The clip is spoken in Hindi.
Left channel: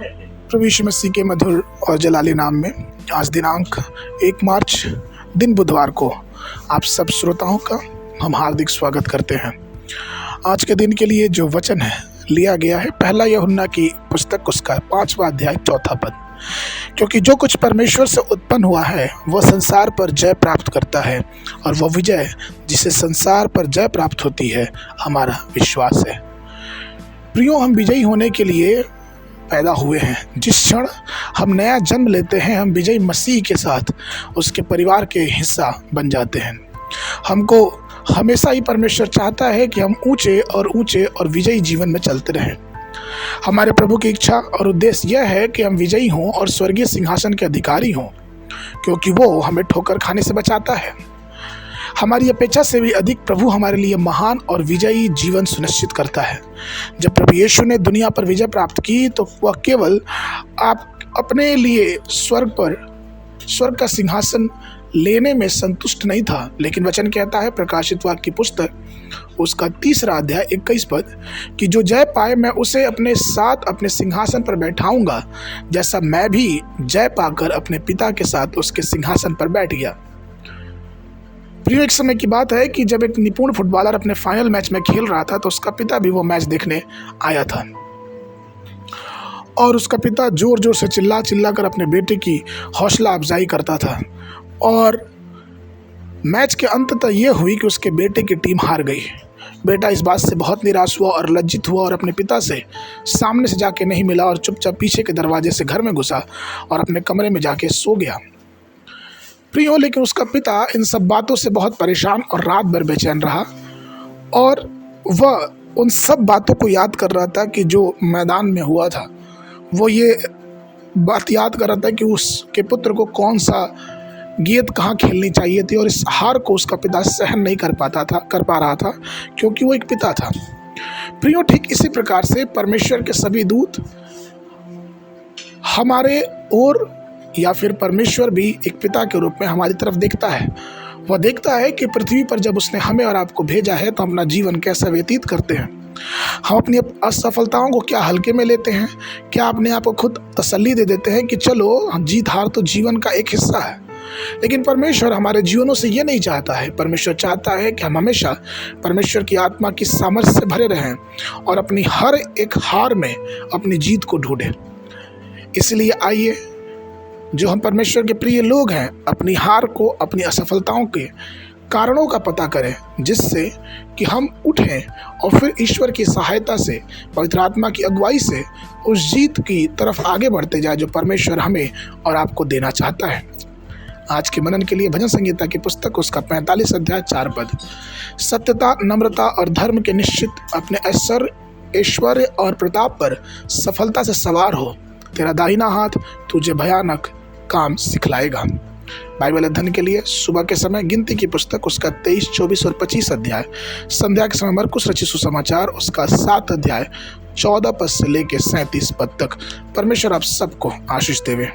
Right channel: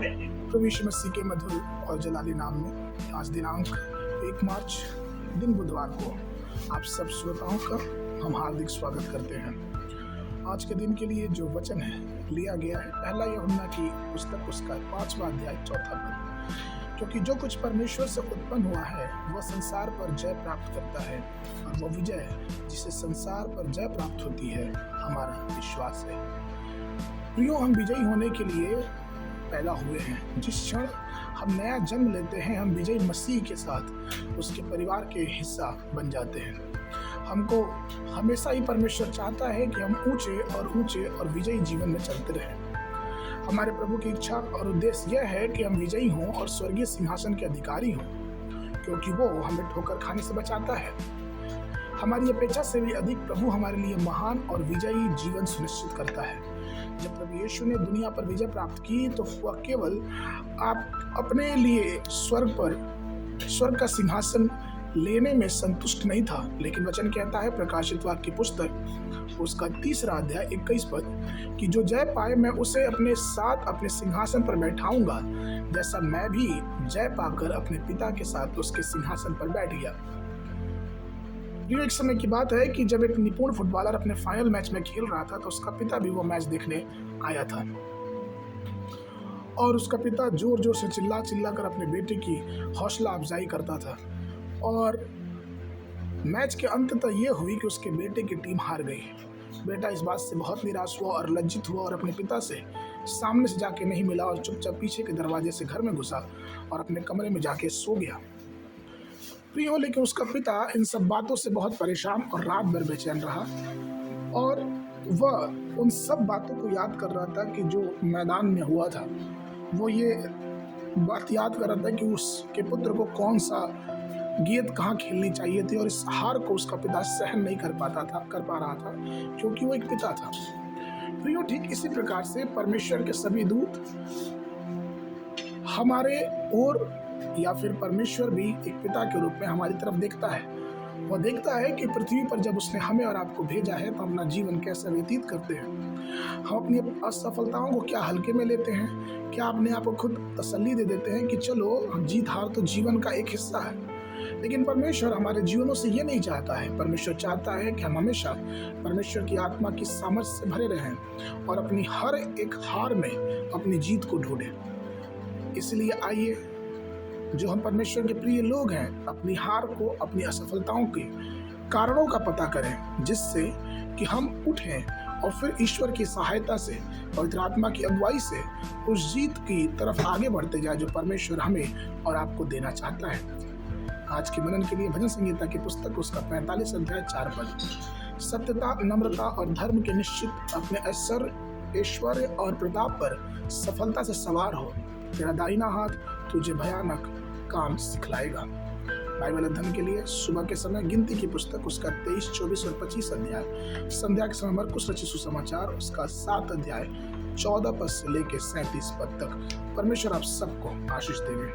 प्रभु यीशु मसीह के मधुर और जलाली नाम में आज दिनांक 1 मार्च दिन बुधवार को आप सब श्रोताओं का हम हार्दिक स्वागत करते हैं। आज के दिन के लिए जो वचन है लिया गया है पहला यूहन्ना की पुस्तक उसका 5वां अध्याय 4था पद। क्योंकि जो कुछ परमेश्वर से उत्पन्न हुआ है वह संसार पर जय प्राप्त करता है, और वह विजय जिसे संसार पर जय प्राप्त होती है हमारा विश्वास है। प्रियो, हम विजयी होने के लिए पैदा हुए हैं। जिस क्षण हम नया जन्म लेते हैं हम विजयी मसीह के साथ उसके परिवार के हिस्सा बन जाते हैं। हमको हमेशा ही परमेश्वर चाहता है कि हम ऊंचे और विजयी जीवन में चलते रहें। हमारे प्रभु की इच्छा और उद्देश्य यह है कि हम विजयी हों और स्वर्गीय सिंहासन के अधिकारी हों, क्योंकि वो हमें ठोकर खाने से बचाता है। हमारी अपेक्षा से भी अधिक प्रभु हमारे लिए महान और विजयी जीवन सुनिश्चित करता है। जब प्रभु यीशु ने दुनिया पर विजय प्राप्त की तो वह केवल आप अपने लिए स्वर्ग का सिंहासन लेने में संतुष्ट नहीं था, लेकिन वचन कहता है प्रकाशित वाक्य की पुस्तक उसका 3रा अध्याय 21 पद कि जो जय पाए मैं उसे अपने साथ अपने सिंहासन पर बैठाऊंगा, जैसा मैं भी जय पाकर अपने पिता के साथ उसके सिंहासन पर बैठ गया। प्रियो, एक समय की बात है कि जब एक निपुण फुटबॉलर अपने फाइनल मैच में खेल रहा था तो उसका पिता भी वो मैच देखने आया था, और उसका पिता जोर जोर से चिल्ला कर अपने बेटे की हौसला अफजाई करता था। और मैच के अंत तक ये हुई कि उसके बेटे की टीम हार गई। बेटा इस बात से बहुत निराश हुआ और लज्जित हुआ और अपने पिता से सामने से जाके नहीं मिला और चुपचाप पीछे के दरवाजे से घर में घुसा और अपने कमरे में जाके सो गया। प्रियो, लेकिन उसका पिता इन सब बातों से बहुत परेशान और रात भर बेचैन रहा, और वह उन सब बातों को याद कर रहा था कि जो मैदान में हुआ था। वो ये बात याद कर रहा था कि उसके पुत्र को कौन सा गेंद कहाँ खेलनी चाहिए थी, और इस हार को उसका पिता सहन नहीं कर पा रहा था क्योंकि वो एक पिता था। प्रियो, ठीक इसी प्रकार से परमेश्वर के सभी दूत हमारे ओर या फिर परमेश्वर भी एक पिता के रूप में हमारी तरफ देखता है। वह देखता है कि पृथ्वी पर जब उसने हमें और आपको भेजा है तो अपना जीवन कैसा व्यतीत करते हैं। हम अपनी असफलताओं को क्या हल्के में लेते हैं, क्या अपने आप को खुद तसल्ली दे देते हैं कि चलो जीत हार तो जीवन का एक हिस्सा है। लेकिन परमेश्वर हमारे जीवनों से ये नहीं चाहता है। परमेश्वर चाहता है कि हम हमेशा परमेश्वर की आत्मा की सामर्थ्य से भरे रहें और अपनी हर एक हार में अपनी जीत को ढूंढें। इसलिए आइए, जो हम परमेश्वर के प्रिय लोग हैं, अपनी हार को, अपनी असफलताओं के कारणों का पता करें, जिससे कि हम उठें और फिर ईश्वर की सहायता से, पवित्र आत्मा की अगुवाई से उस जीत की तरफ आगे बढ़ते जाए जो परमेश्वर हमें और आपको देना चाहता है। आज के मनन के लिए भजन संगीता की पुस्तक उसका 45 अध्याय 4 पद। सत्यता, नम्रता और धर्म के निश्चित अपने ऐश्वर्य और प्रताप पर सफलता से सवार हो। तेरा दाहिना हाथ तुझे भयानक काम सिखलाएगा। बाइबल अध्ययन के लिए सुबह के समय गिनती की पुस्तक उसका 23, 24 और 25 अध्याय, संध्या के समय मरकुस रचित सुसमाचार उसका 7 अध्याय 14 पद से लेकर 37 पद तक। परमेश्वर आप सबको आशीष देवे।